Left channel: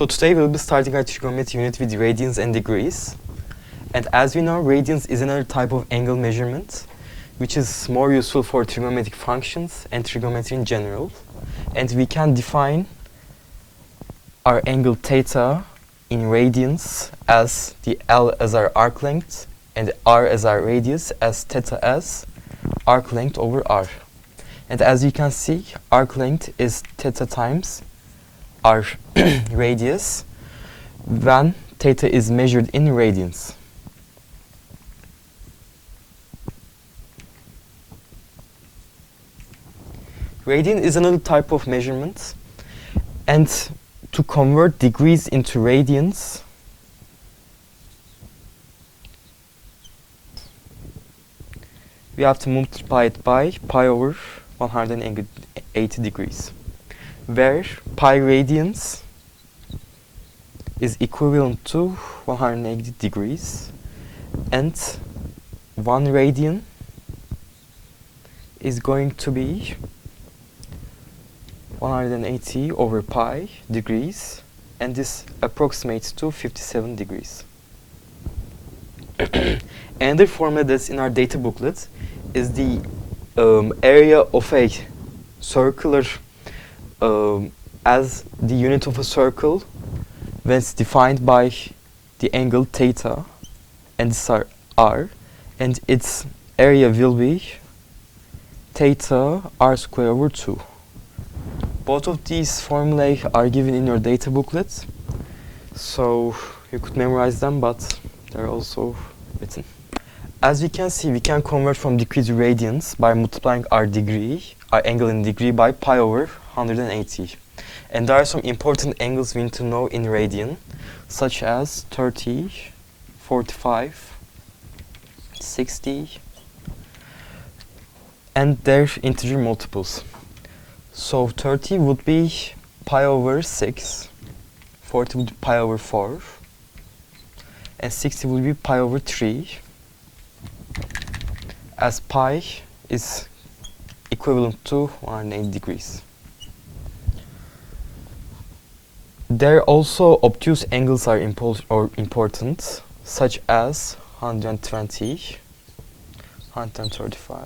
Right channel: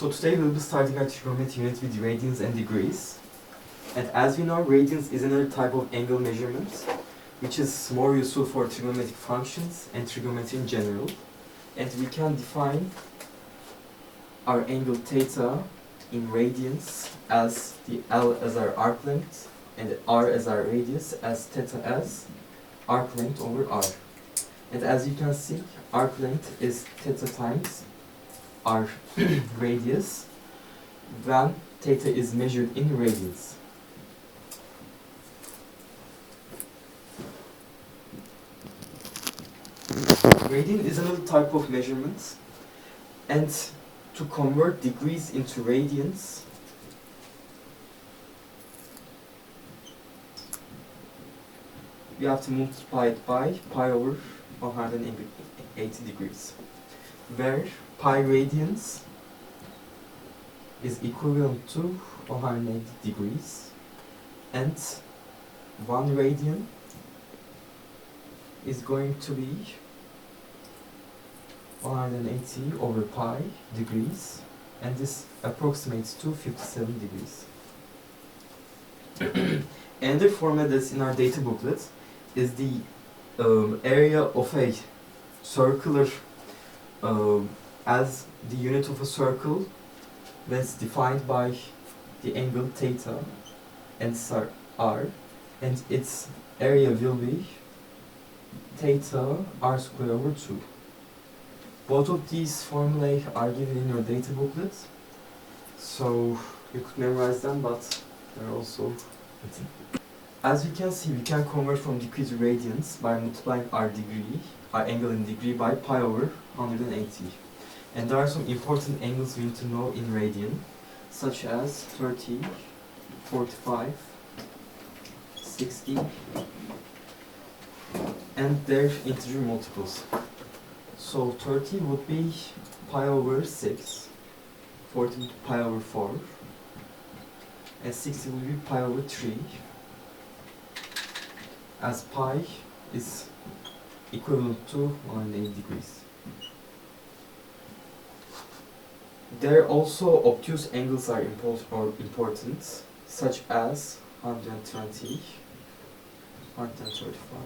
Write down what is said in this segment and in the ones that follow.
So today we'll be starting our trigonometry unit with radians and degrees. And as we know, radians is another type of angle measurement, which is more useful for trigonometric functions and trigonometry in general. And we can define our angle theta in radians as the L as our arc length and R as our radius, as theta as arc length over R. And as you can see, arc length is theta times our radius when theta is measured in radians. Radian is another type of measurement, and to convert degrees into radians, we have to multiply it by pi over 180 degrees, where pi radians is equivalent to 180 degrees and 1 radian is going to be 180 over pi degrees, and this approximates to 57 degrees. Another formula that's in our data booklet is the area of a circular as the unit of a circle when it's defined by the angle theta and r, and its area will be theta r square over 2. Both of these formulae are given in your data booklet, so you could memorize them, but they're also written. As we can see, we can convert from degree to radians by multiplying our angle in degree by pi over 180. And there are some important angles we need to know in radian, such as 30, 45, 60, and their integer multiples. So 30 would be pi over 6, 40 would be pi over 4, and 60 would be pi over 3, as pi is equivalent to 180 degrees. There also obtuse angles are important, such as 120, 135,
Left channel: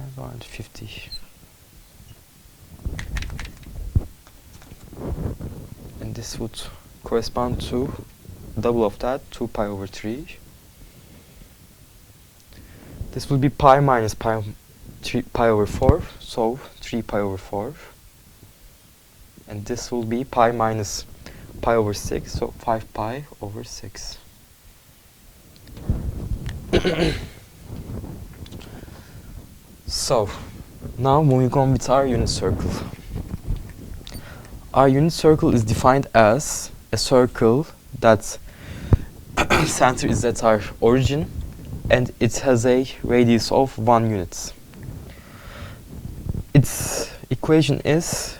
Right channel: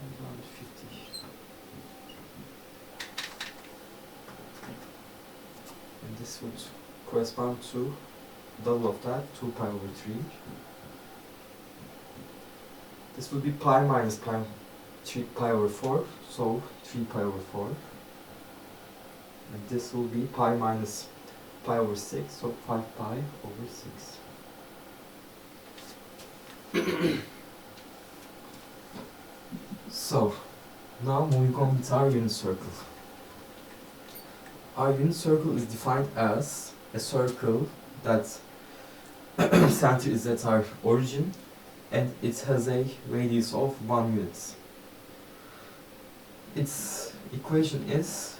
and 150. And this would correspond to double of that, 2 pi over 3. This will be pi minus pi over 4, so 3 pi over 4. And this will be pi minus pi over 6, so 5 pi over 6. So, now moving on with our unit circle. Our unit circle is defined as a circle that center is at our origin and it has a radius of 1 unit. Its equation is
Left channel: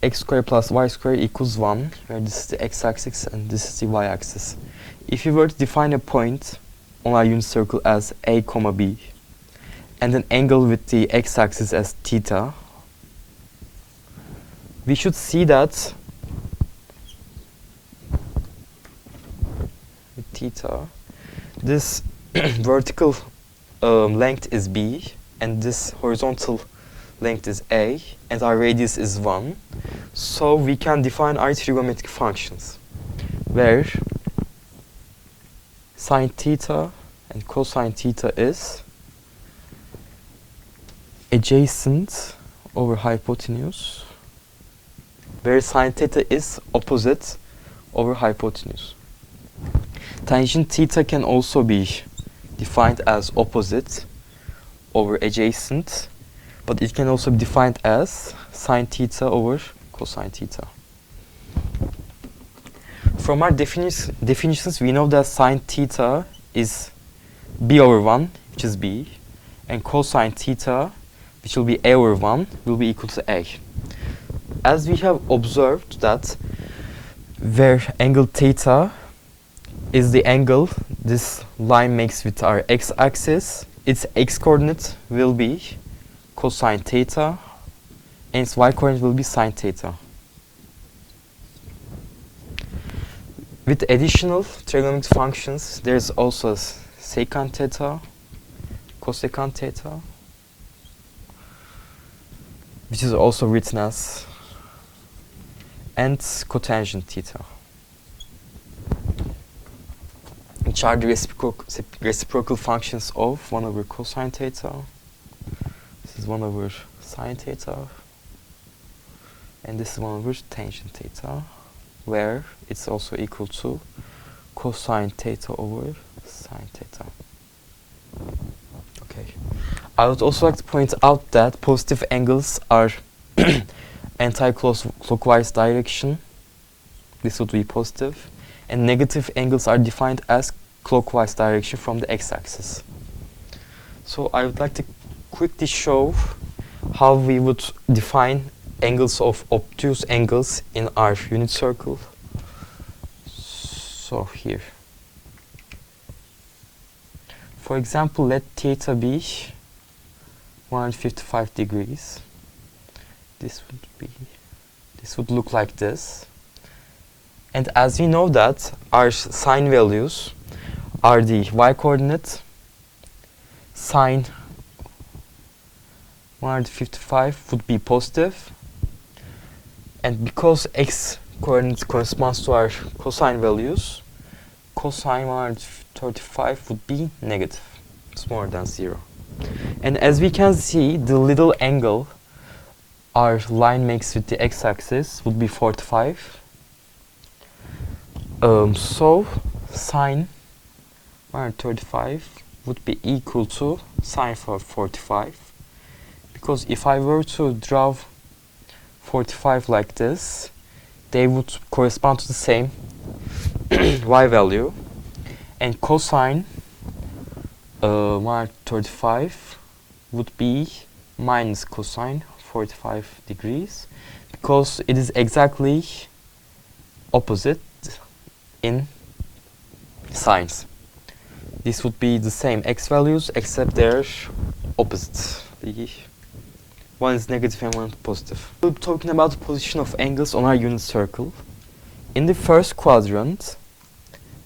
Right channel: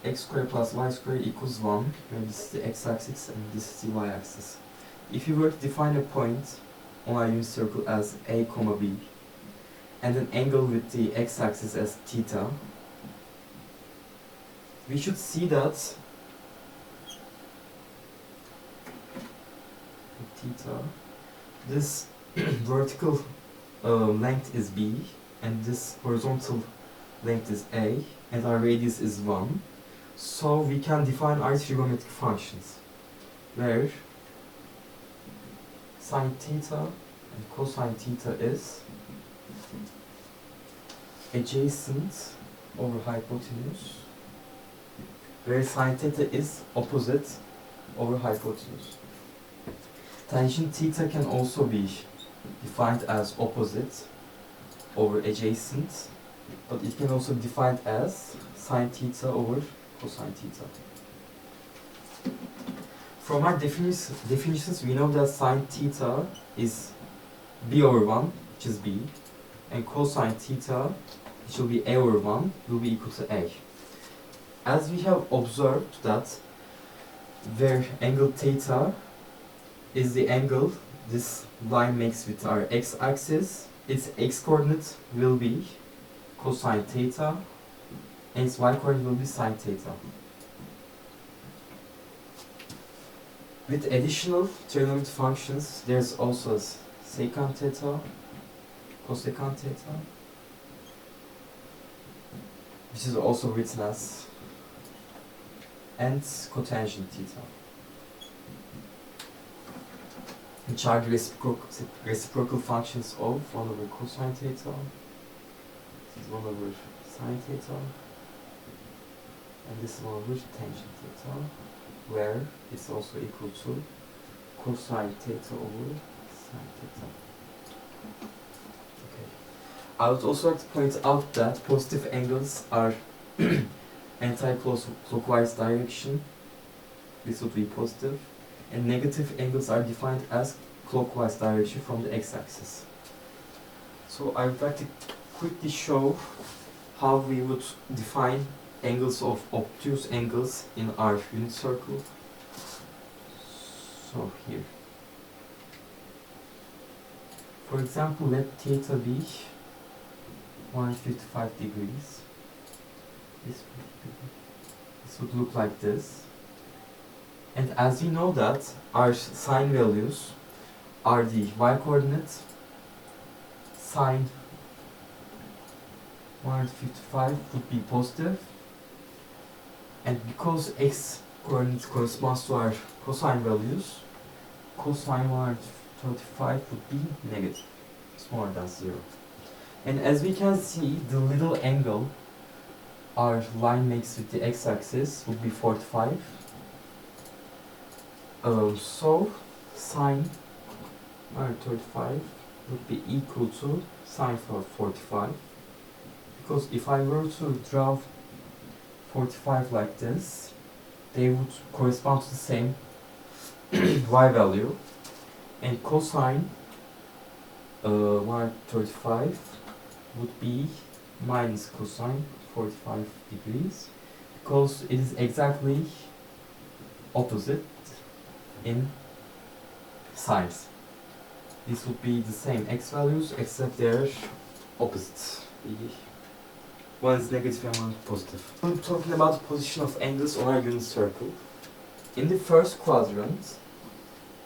x squared plus y squared equals 1, where this is the x-axis and this is the y-axis. If you were to define a point on our unit circle as a comma b, and an angle with the x-axis as theta, we should see that with theta, this vertical length is b, and this horizontal length is a, and our radius is 1. So we can define our trigonometric functions, where sine theta and cosine theta is adjacent over hypotenuse, where sine theta is opposite over hypotenuse. Tangent theta can also be defined as opposite over adjacent, but it can also be defined as sine theta over cosine theta. From our definitions, we know that sine theta is b over 1, which is b, and cosine theta, which will be a over 1, will be equal to a. As we have observed that where angle theta is the angle this line makes with our x-axis, its x-coordinate will be cosine theta, and its y-coordinate will be sine theta. With additional trigonometric functions, there's also secant theta, cosecant theta, which is also written as, and cotangent theta, which are the reciprocal functions of 1 over cosine theta. This is 1 over sine theta, and this is 1 over tangent theta, where it's also equal to cosine theta over sine theta. Okay. I would also like to point out that positive angles are anti-clockwise direction. This would be positive. And negative angles are defined as clockwise direction from the x-axis. So I would like to quickly show how we would define angles of obtuse angles in our unit circle. So here, for example, let theta be 155 degrees. This would look like this. And as we know that our sine values are the y-coordinate, sine 155 would be positive, and because x coordinate corresponds to our cosine values, cosine 135 would be negative. It's more than 0. And as we can see, the little angle our line makes with the x-axis would be 45. So sine 135 would be equal to sine 45, because if I were to draw 45 like this, they would correspond to the same y value, and cosine 135 would be minus cosine 45 degrees, because it is exactly opposite in signs. This would be the same x values except they're opposite. One is negative and one positive. We'll be talking about the position of angles on our unit circle. In the first quadrant,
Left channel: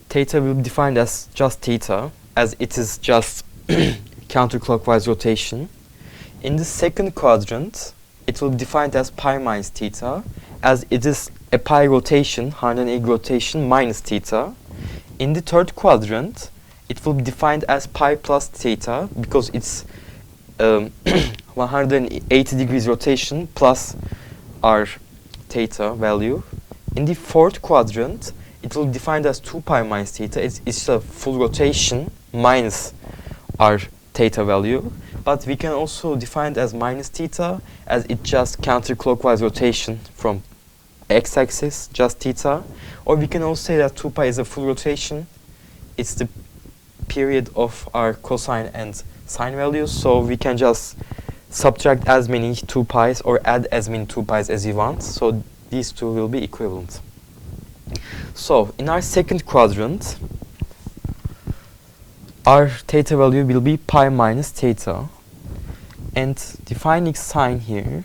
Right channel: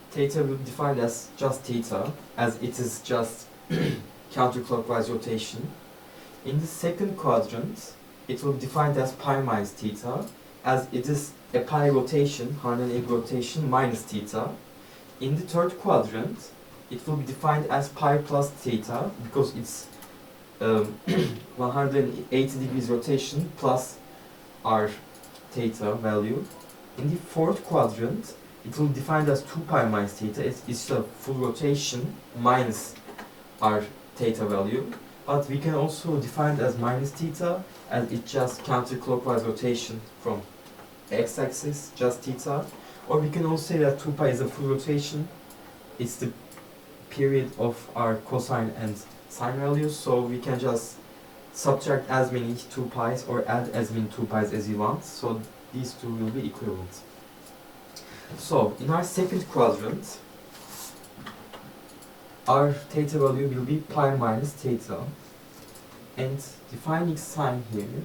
theta will be defined as just theta, as it is just counterclockwise rotation. In the second quadrant, it will be defined as pi minus theta, as it is a pi rotation, 180 rotation minus theta. In the third quadrant, it will be defined as pi plus theta, because it's 180 degrees rotation plus our theta value. In the fourth quadrant, it will be defined as 2 pi minus theta. It's a full rotation minus our theta value. But we can also define it as minus theta, as it's just counterclockwise rotation from x-axis, just theta. Or we can also say that 2 pi is a full rotation. It's the period of our cosine and sine values, so we can just subtract as many 2 pi's or add as many 2 pi's as we want. So these two will be equivalent. So in our second quadrant, our theta value will be pi minus theta. And defining sine here,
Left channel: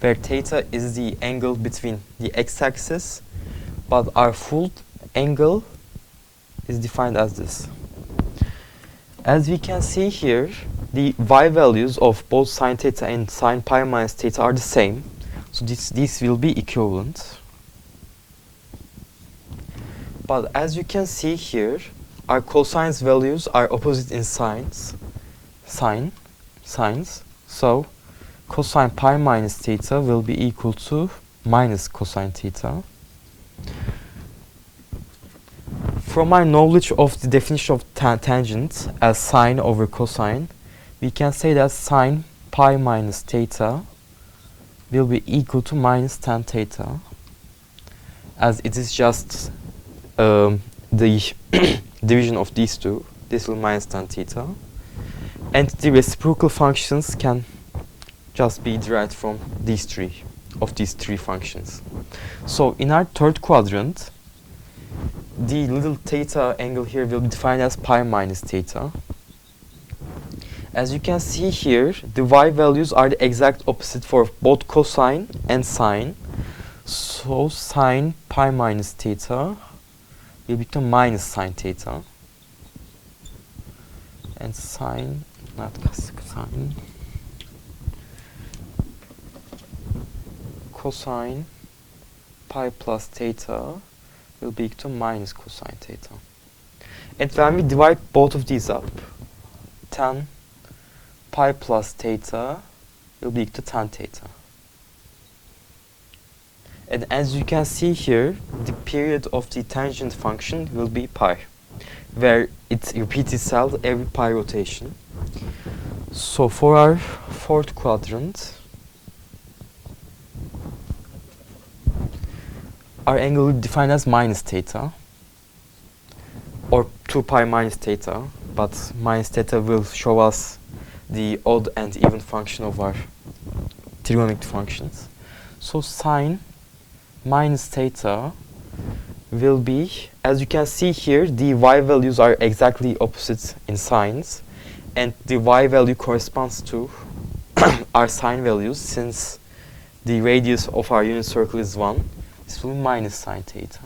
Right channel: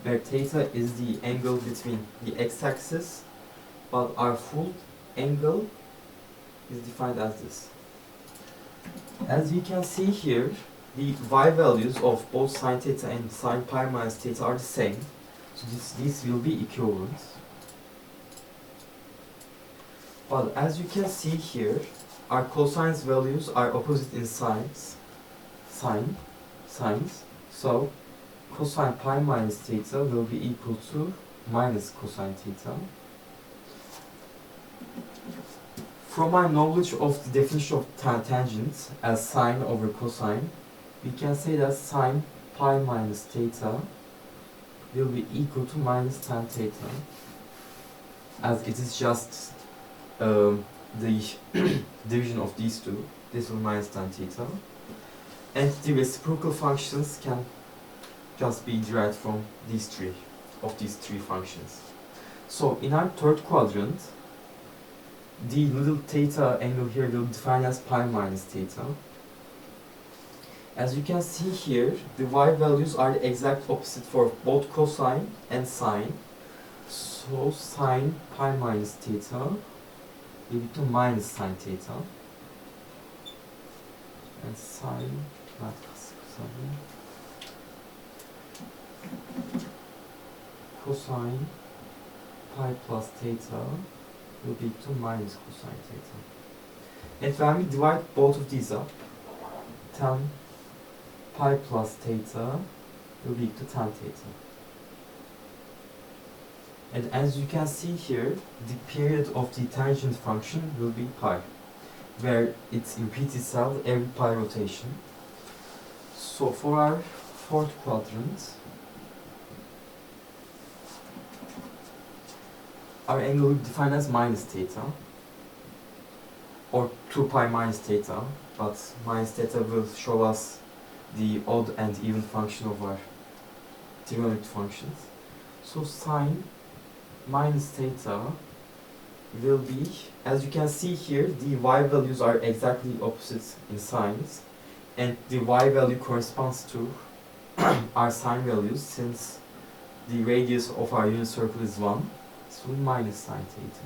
where theta is the angle between the x-axis, but our full angle is defined as this. As we can see here, the y values of both sine theta and sine pi minus theta are the same, so these will be equivalent. But as you can see here, our cosines values are opposite in sines, so cosine pi minus theta will be equal to minus cosine theta. From our knowledge of the definition of tangent as sine over cosine, we can say that sine pi minus theta will be equal to minus tan theta, as it is just the division of these two. This will minus tan theta. And the reciprocal functions can just be derived from these three functions. So in our third quadrant, the little theta angle here will be defined as pi minus theta. As you can see here, the y values are the exact opposite for both cosine and sine. So So sine pi minus theta will become minus sine theta. And sine, not sine, cosine pi plus theta will be equal to minus cosine theta. And when we divide both of these up, tan pi plus theta will be equal to tan theta. And as you can see here, the period of the tangent function will be pi, where it repeats itself every pi rotation. So for our fourth quadrant, our angle will be defined as minus theta, or 2 pi minus theta, but minus theta will show us the odd and even function of our trigonometric functions. So sine minus theta will be, as you can see here, the y values are exactly opposite in signs, and the y value corresponds to our sine values. Since the radius of our unit circle is 1, this will be minus sine theta.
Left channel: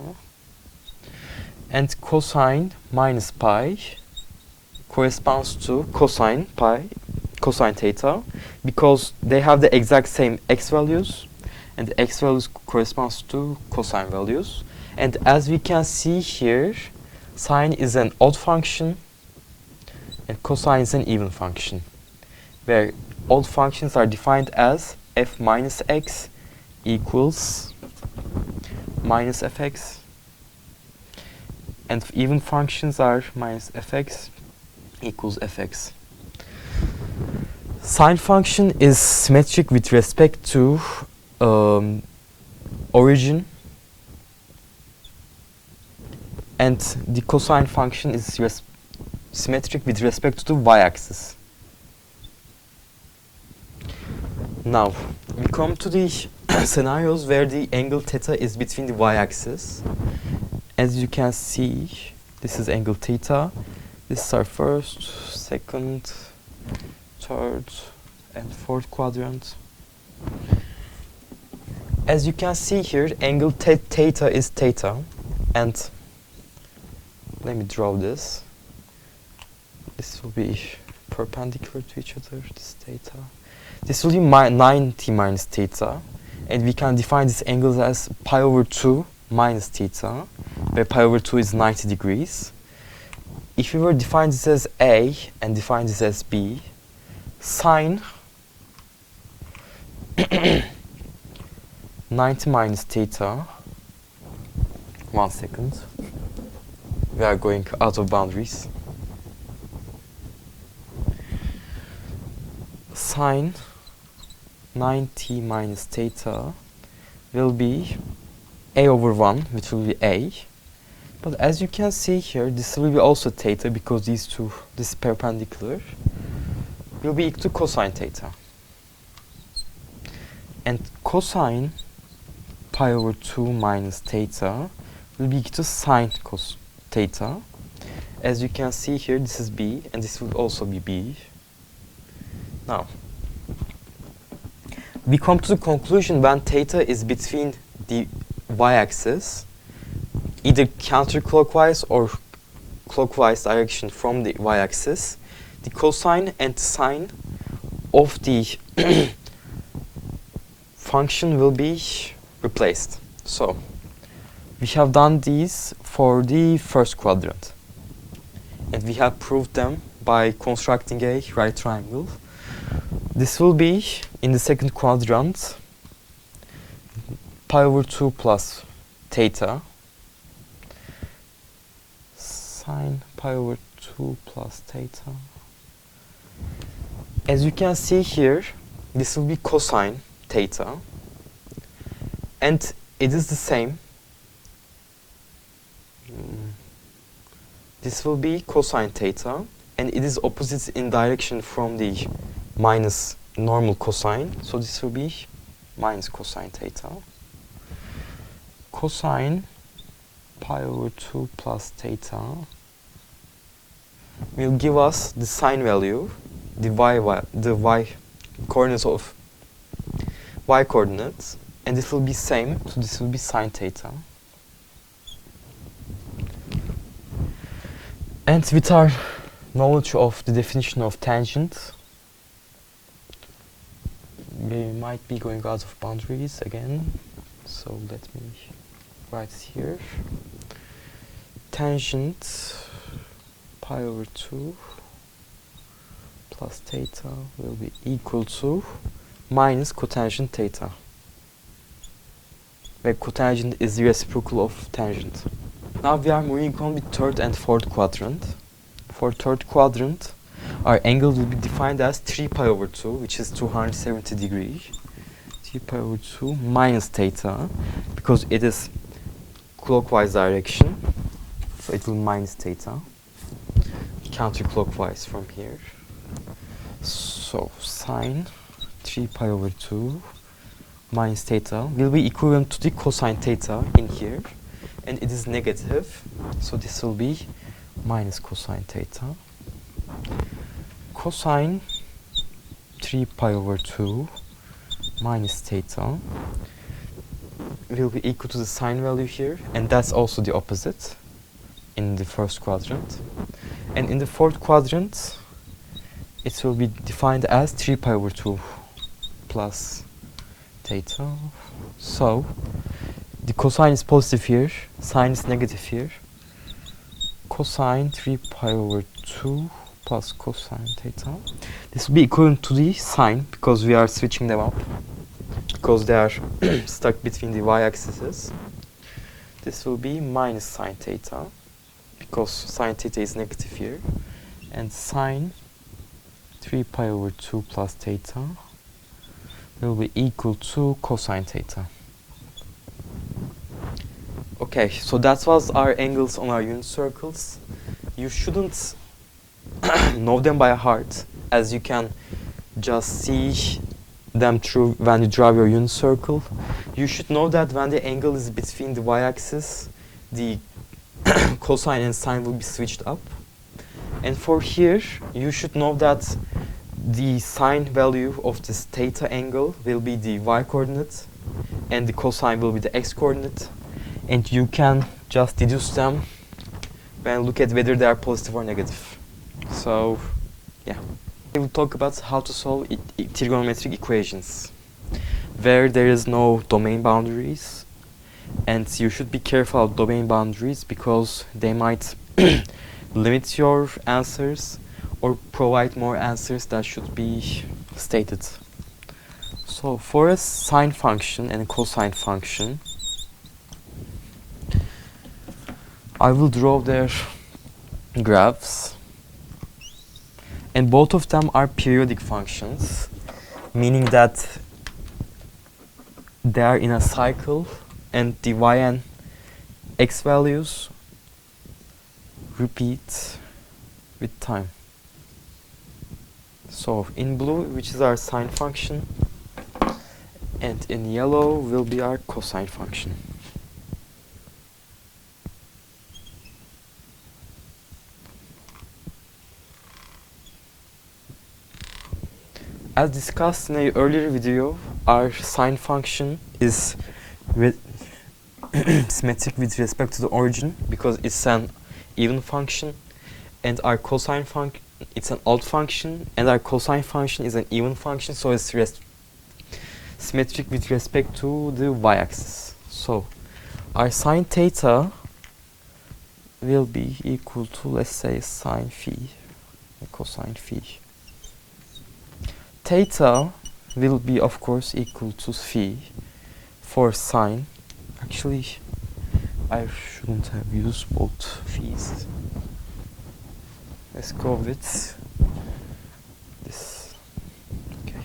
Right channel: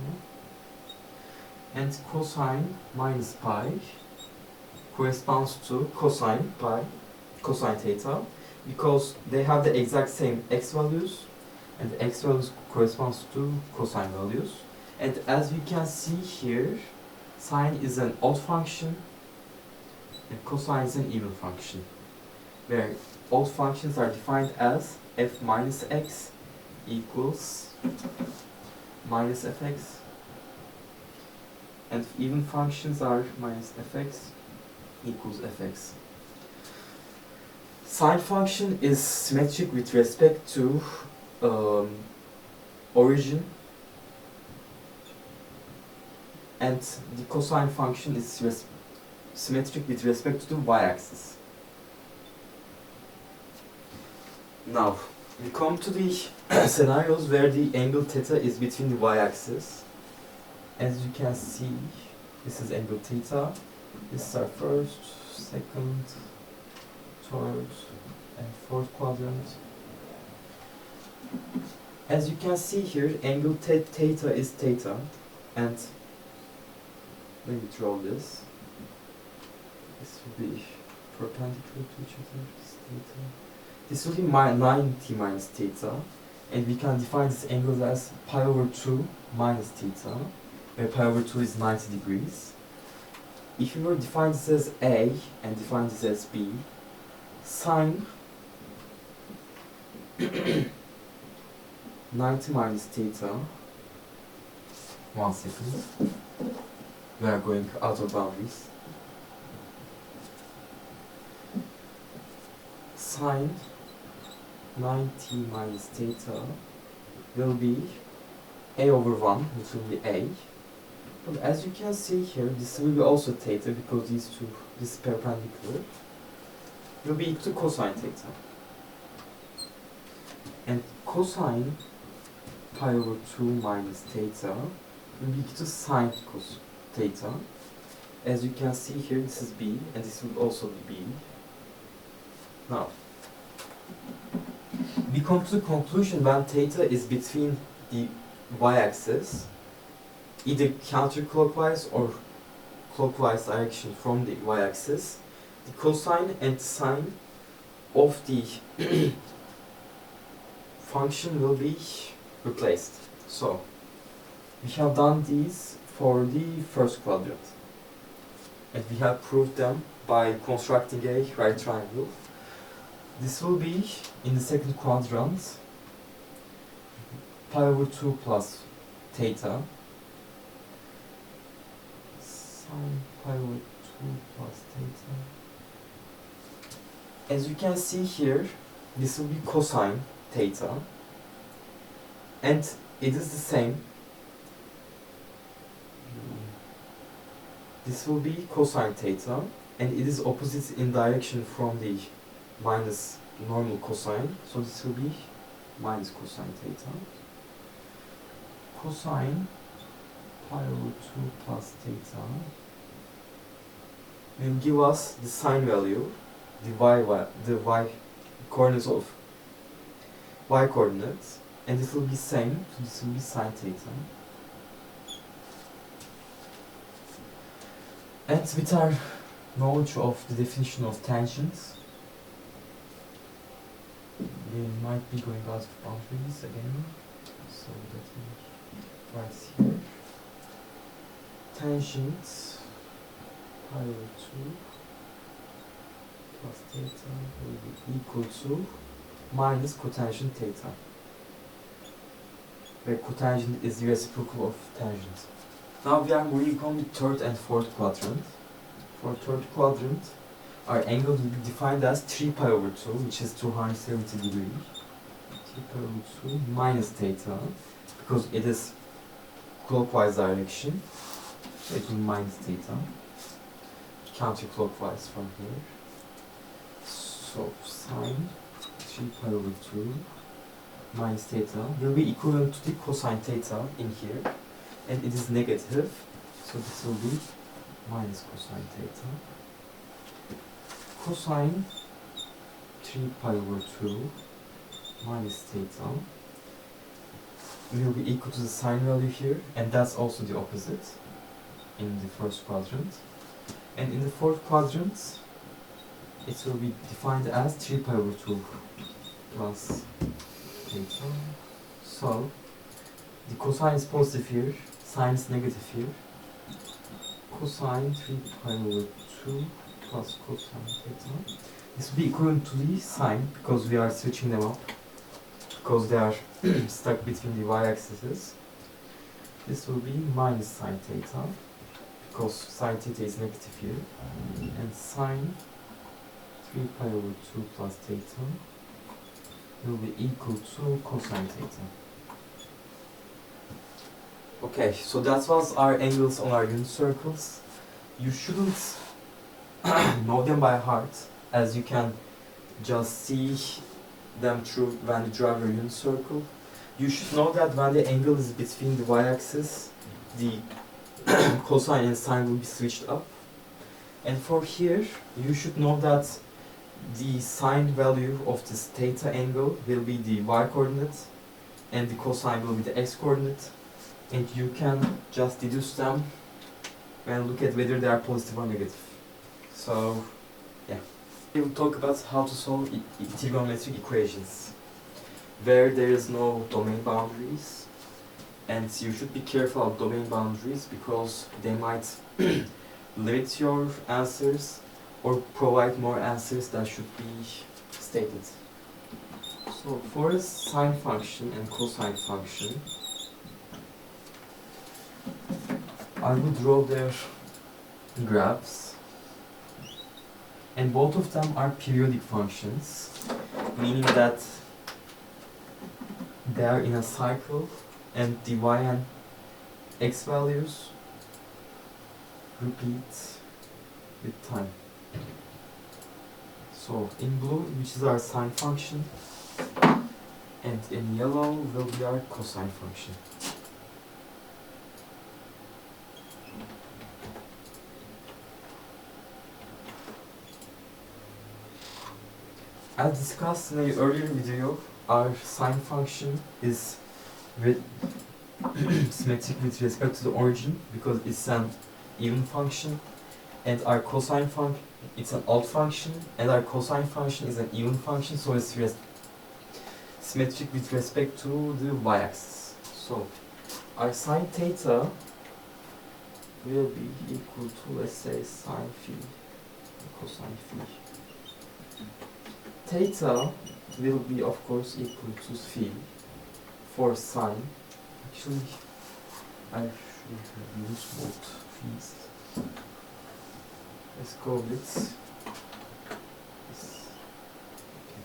And cosine minus pi corresponds to cosine pi, cosine theta, because they have the exact same x values, and the x values corresponds to cosine values. And as we can see here, sine is an odd function and cosine is an even function, where odd functions are defined as f minus x equals minus fx, and even functions are minus fx equals fx. Sine function is symmetric with respect to origin, and the cosine function is symmetric with respect to the y-axis. Now, we come to the scenarios where the angle theta is between the y-axis. As you can see, this is angle theta. This is our first, second, third, and fourth quadrant. As you can see here, angle theta is theta, and let me draw this. This will be perpendicular to each other, this theta. This will be 90 minus theta, and we can define this angle as pi over 2 minus theta, where pi over 2 is 90 degrees. If we were to define this as A and define this as B, sine 90 minus theta, 1 second, we are going out of boundaries. Sine 90 minus theta will be a over 1, which will be a. But as you can see here, this will be also theta, because these two, this perpendicular, will be equal to cosine theta. And cosine pi over 2 minus theta will be equal to sine cos theta. As you can see here, this is b, and this will also be b. Now, we come to the conclusion when theta is between the y-axis, either counterclockwise or clockwise direction from the y-axis, the cosine and sine of the function will be replaced. So, we have done these for the first quadrant, and we have proved them by constructing a right triangle. This will be, in the second quadrant, pi over 2 plus theta, sine pi over 2 plus theta. As you can see here, this will be cosine theta, and it is the same. This will be cosine theta, and it is opposite in direction from the minus normal cosine, so this will be minus cosine theta. Cosine pi over 2 plus theta will give us the sine value, the y coordinates of y coordinates, and this will be same, so this will be sine theta. And with our knowledge of the definition of tangent, we might be going out of boundaries again, so let me write here. Tangent pi over 2 plus theta will be equal to minus cotangent theta, where cotangent is the reciprocal of tangent. Now we are moving on with third and fourth quadrant. For third quadrant, our angle will be defined as 3 pi over 2, which is 270 degrees. 3 pi over 2 minus theta, because it is clockwise direction, so it will be minus theta. Counterclockwise from here. So sine 3 pi over 2 minus theta will be equivalent to the cosine theta in here, and it is negative, so this will be minus cosine theta. Cosine 3 pi over 2 minus theta will be equal to the sine value here, and that's also the opposite in the first quadrant. And in the fourth quadrant, it will be defined as 3 pi over 2 plus theta. So the cosine is positive here, sine is negative here. Cosine 3 pi over 2 plus cosine theta. This will be equivalent to the sine, because we are switching them up, because they are stuck between the y-axes. This will be minus sine theta, because sine theta is negative here. And sine 3 pi over 2 plus theta will be equal to cosine theta. Okay, so that was our angles on our unit circles. You shouldn't know them by heart, as you can just see them through when you draw your unit circle. You should know that when the angle is between the y-axis, the cosine and sine will be switched up. And for here, you should know that the sine value of this theta angle will be the y-coordinate, and the cosine will be the x-coordinate. And you can just deduce them when look at whether they are positive or negative. So, yeah. We will talk about how to solve trigonometric equations, where there is no domain boundaries. And you should be careful of domain boundaries, because they might limit your answers or provide more answers that should be stated. So for a sine function and a cosine function, I will draw their graphs, and both of them are periodic functions, meaning that they are in a cycle, and the y and x values repeat with time. So in blue, which is our sine function, and in yellow will be our cosine function. As discussed in an earlier video, our sine function is symmetric with respect to the origin, because it's an even function, and our cosine function, it's an odd function, and our cosine function is an even function, so it's symmetric with respect to the y-axis. So our sine theta will be equal to, let's say, sine phi and cosine phi. Theta will be, of course, equal to phi for sine. Actually, I shouldn't have used both phis. Let's go with this. Okay.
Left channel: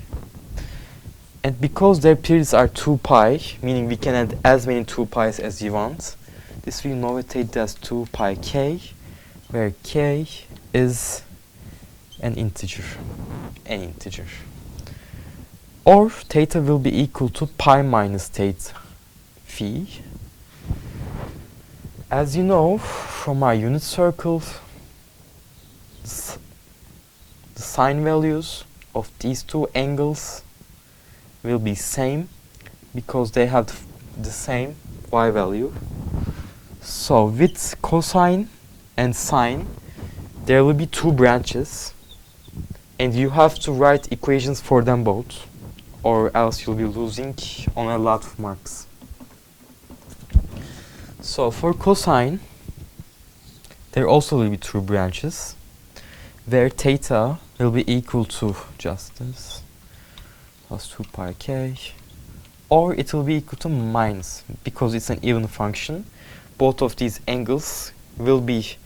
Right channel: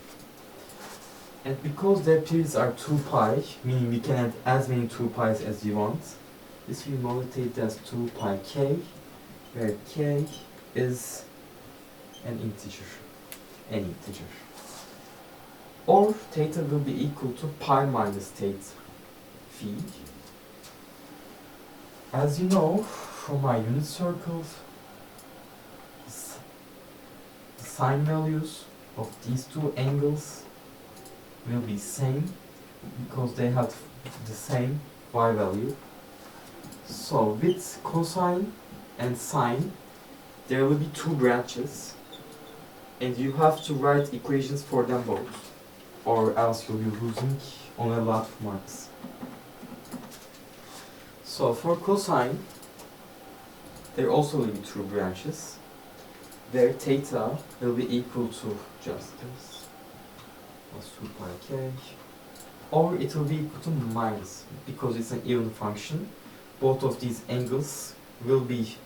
And because their periods are 2 pi, meaning we can add as many 2 pi's as you want, this will notate as 2 pi k, where k is an integer. Or theta will be equal to pi minus theta phi. As you know from our unit circles, the sine values of these two angles will be same, because they have the same y value. So with cosine and sine, there will be two branches, and you have to write equations for them both, or else you'll be losing on a lot of marks. So for cosine, there also will be two branches, where theta will be equal to just this, plus 2 pi k, or it will be equal to minus, because it's an even function. Both of these angles will be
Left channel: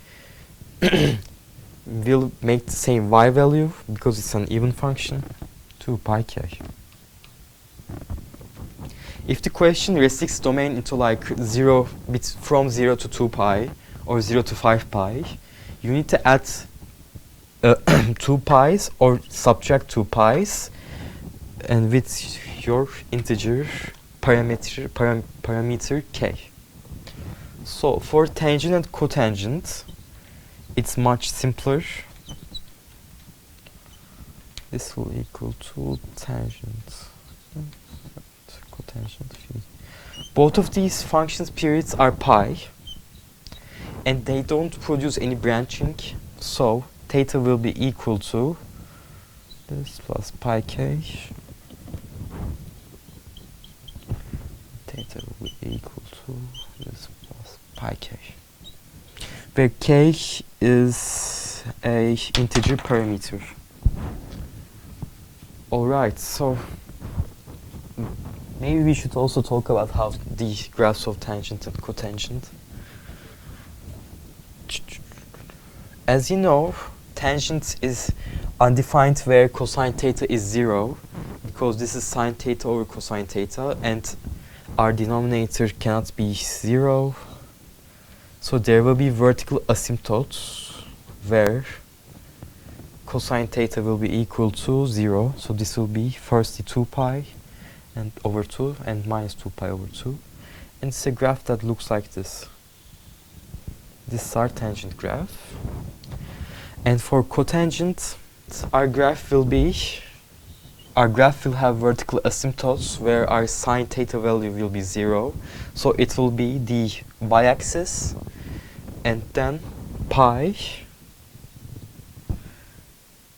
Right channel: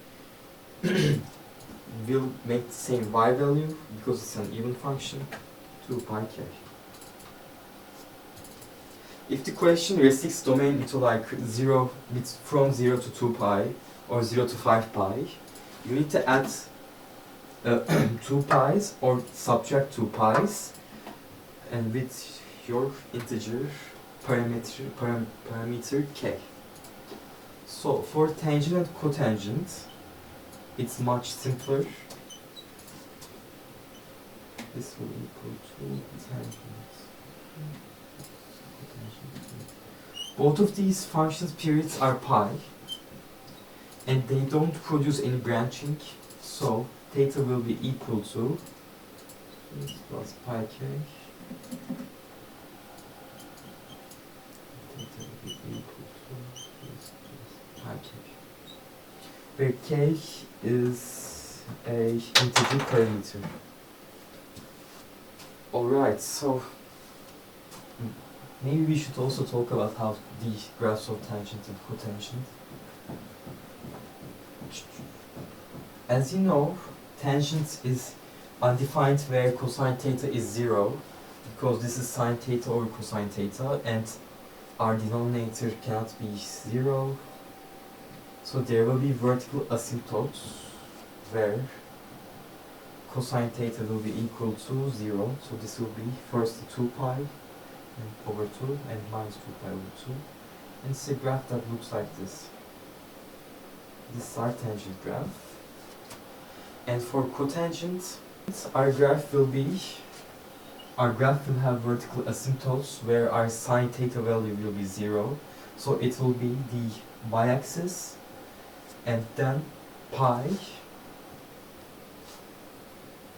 will make the same y value because it's an even function, 2 pi k. If the question restricts domain into like from 0 to 2 pi or 0 to 5 pi, you need to add 2 pi's or subtract 2 pi's, and with your integer parameter k. So for tangent and cotangent, it's much simpler. This will equal to tangent, cotangent. Both of these functions' periods are pi, and they don't produce any branching, so theta will be equal to this plus pi k. Theta will be equal to this plus pi k, where k is a integer parameter. Alright, so maybe we should also talk about how the graphs of tangent and cotangent. As you know, tangent is undefined where cosine theta is 0, because this is sine theta over cosine theta, and our denominator cannot be 0. So there will be vertical asymptotes where cosine theta will be equal to 0. So this will be firstly 2 pi and over 2 and minus 2 pi over 2. And it's a graph that looks like this. This is our tangent graph. And for cotangent, our graph will have vertical asymptotes where our sine theta value will be 0. So it will be the y-axis and then pi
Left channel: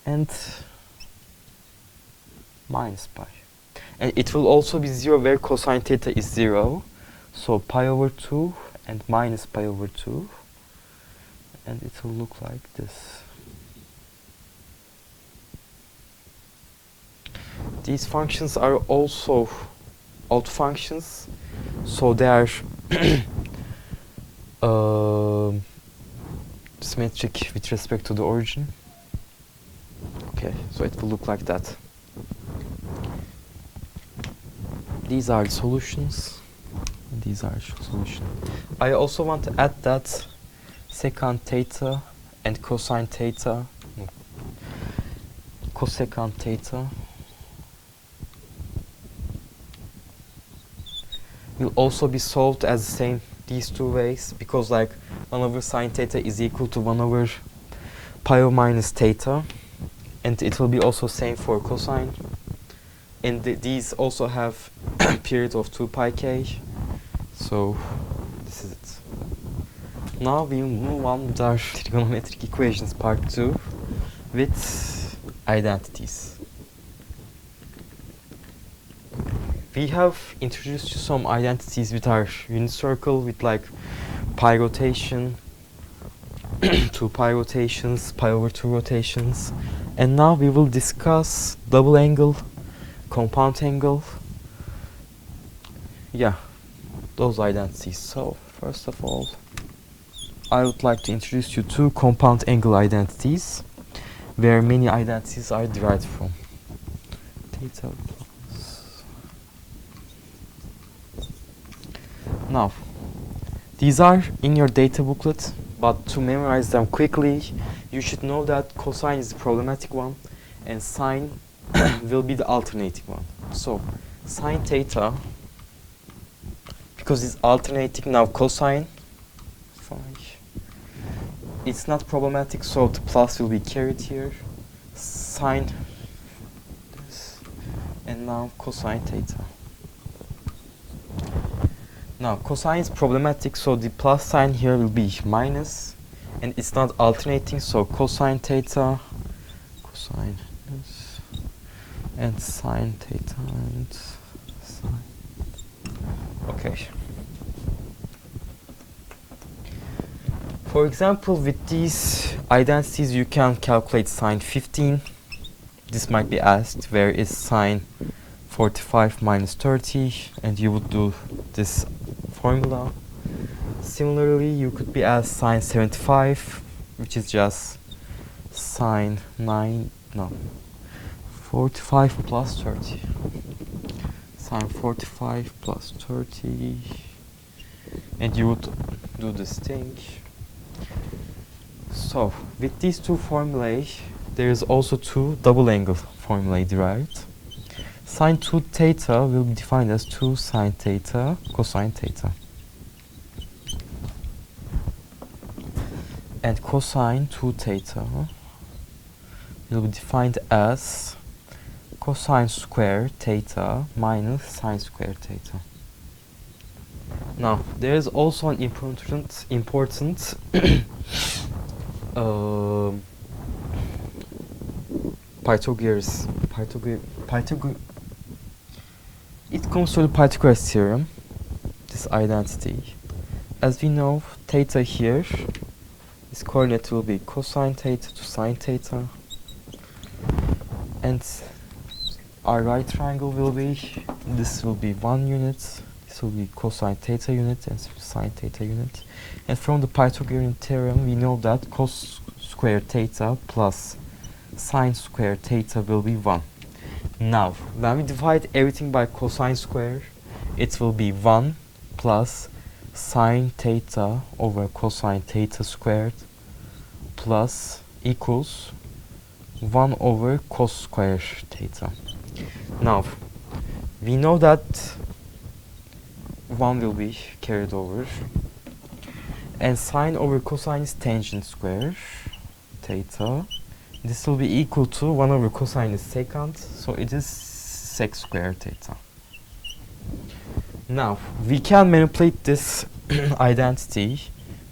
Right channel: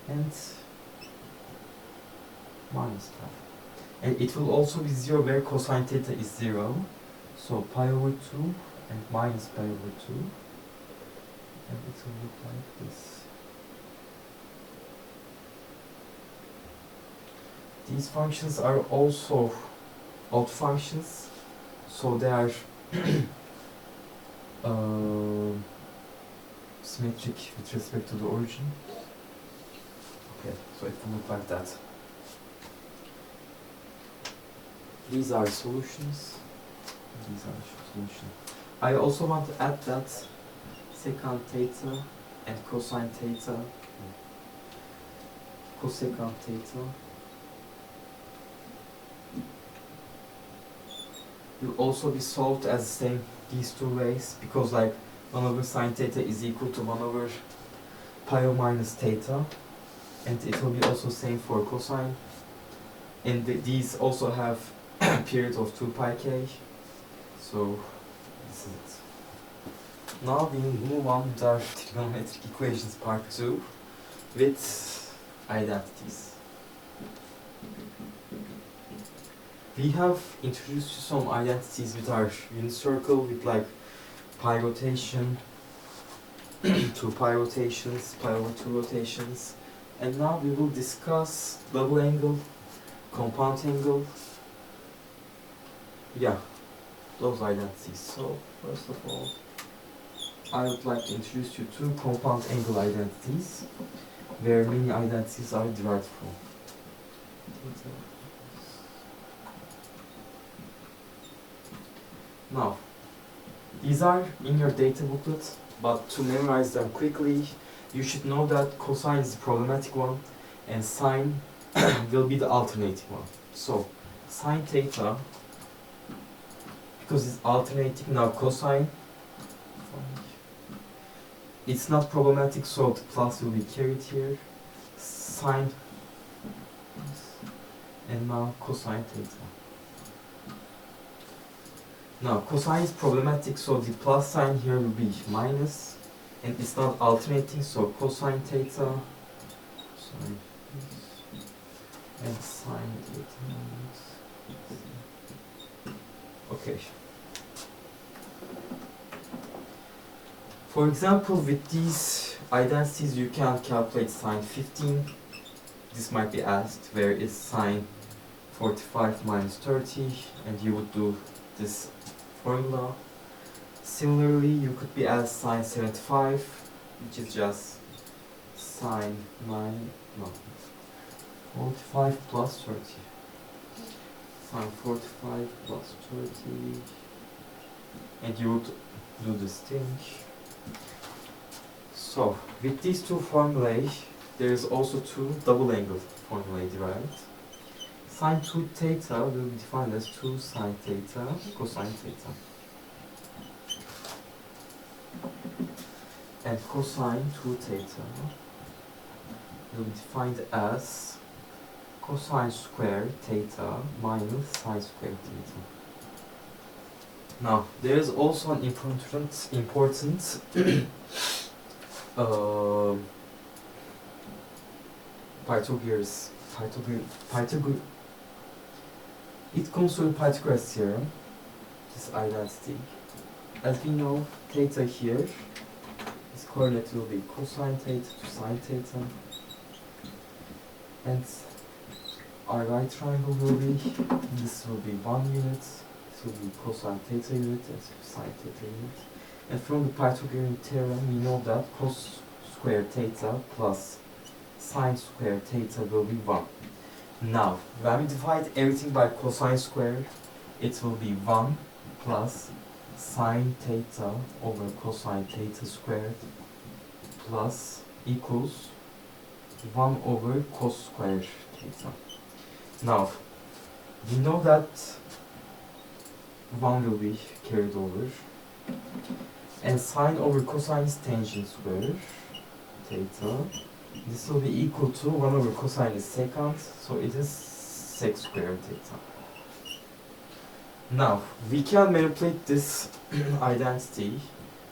and minus pi. And it will also be 0 where cosine theta is 0. So pi over 2 and minus pi over 2. And it will look like this. These functions are also odd functions, so they are symmetric with respect to the origin. Okay, so it will look like that. These are solutions. These are solutions. I also want to add that secant theta and cosine theta, cosecant theta, will also be solved as the same these two ways, because like 1 over sine theta is equal to 1 over pi o minus theta, and it will be also same for cosine, and these also have period of 2 pi k. So this is it. Now we move on with our trigonometric equations part 2 with identities. We have introduced you some identities with our unit circle, with like pi rotation, 2 pi rotations, pi over 2 rotations, and now we will discuss double angle, compound angle, yeah, those identities. So first of all, I would like to introduce you to compound angle identities, where many identities are derived from. Theta. Now, these are in your data booklet, but to memorize them quickly, you should know that cosine is the problematic one and sine will be the alternating one. So, sine theta, because it's alternating now cosine, it's not problematic, so the plus will be carried here, sine, and now cosine theta. Now cosine is problematic, so the plus sign here will be minus, and it's not alternating, so cosine theta, cosine and sine theta and sine. Okay. For example, with these identities you can calculate sine 15. This might be asked, where is sine 45 minus 30, and you would do this formula. Similarly, you could be asked sine 75, which is just sine 45 plus 30. Sine 45 plus 30, and you would do this thing. So, with these two formulae, there is also two double angle formulae derived. Sine 2 theta will be defined as 2 sine theta cosine theta. And cosine 2 theta will be defined as cosine square theta minus sine square theta. Now, there is also an important Pythagoras. It comes from the Pythagoras theorem, this identity. As we know, theta here, its coordinate will be cosine theta to sine theta, and our right triangle will be, this will be 1 unit, this will be cosine theta unit and sine theta unit. And from the Pythagorean theorem, we know that cos square theta plus sine square theta will be 1. Now, when we divide everything by cosine square, it will be 1 plus sine theta over cosine theta squared plus equals 1 over cos square theta. Now, we know that 1 will be carried over, and sine over cosine is tangent square theta. This will be equal to 1 over cosine is secant, so it is sec square theta. Now, we can manipulate this identity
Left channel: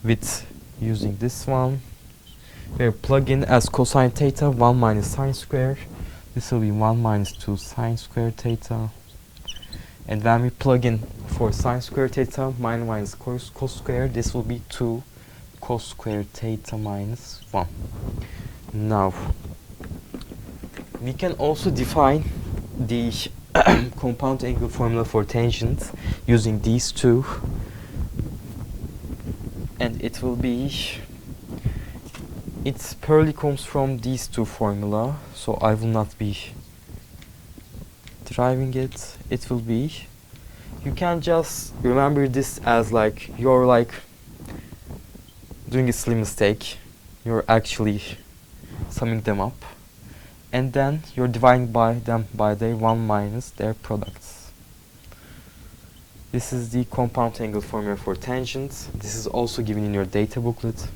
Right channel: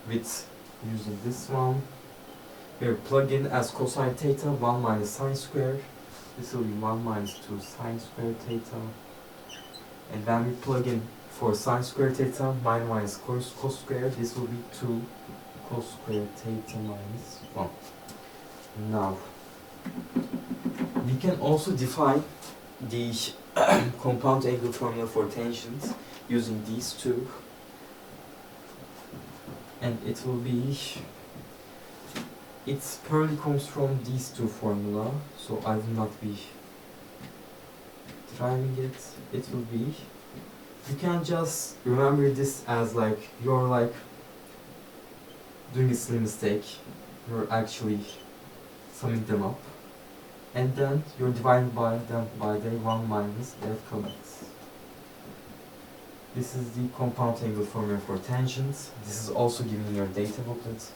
with using this one, where plug in as cosine theta 1 minus sine square. This will be 1 minus 2 sine square theta. And when we plug in for sine square theta, minus cos square, this will be 2 cos square theta minus 1. Now, we can also define the compound angle formula for tangent using these two, and it will be, it purely comes from these two formula, so I will not be deriving it. It will be, you can just remember this as like you're like doing a silly mistake. You're actually summing them up, and then you're dividing by them by their 1 minus their products. This is the compound angle formula for tangents. This is also given in your data booklet.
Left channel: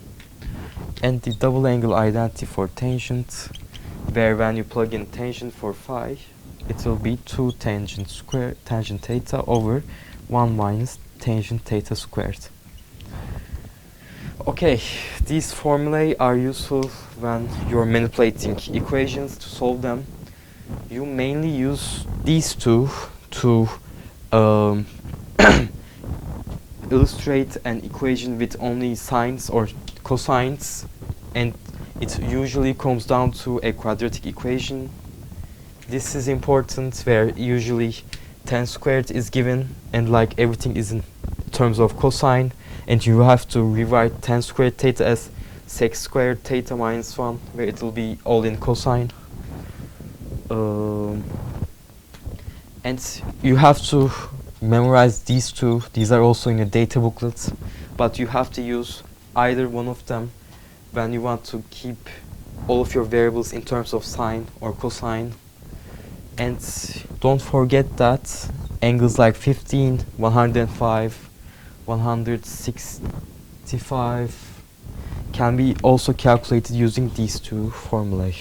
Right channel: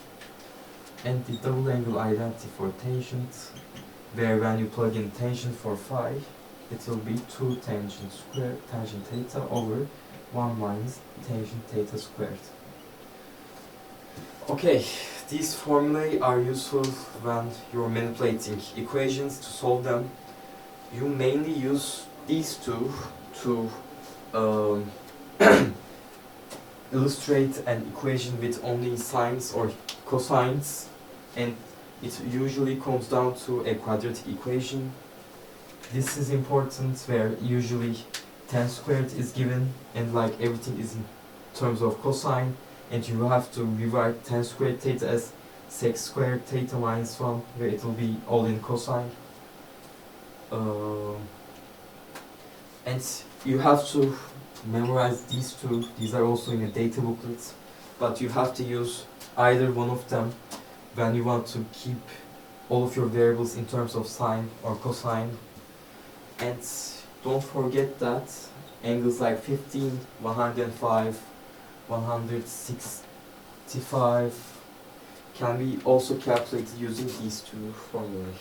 And the double angle identity for tangent, where when you plug in tangent for phi, it will be 2 tangent square tangent theta over 1 minus tangent theta squared. Okay, these formulae are useful when you're manipulating equations to solve them. You mainly use these two to illustrate an equation with only sines or cosines, and it usually comes down to a quadratic equation. This is important, where usually tan squared is given and like everything is in terms of cosine, and you have to rewrite tan squared theta as sec squared theta minus 1, where it will be all in cosine. And you have to memorize these two. These are also in your data booklets, but you have to use either one of them when you want to keep all of your variables in terms of sine or cosine. And don't forget that angles like 15, 105, 165 can be also calculated using these two formulae.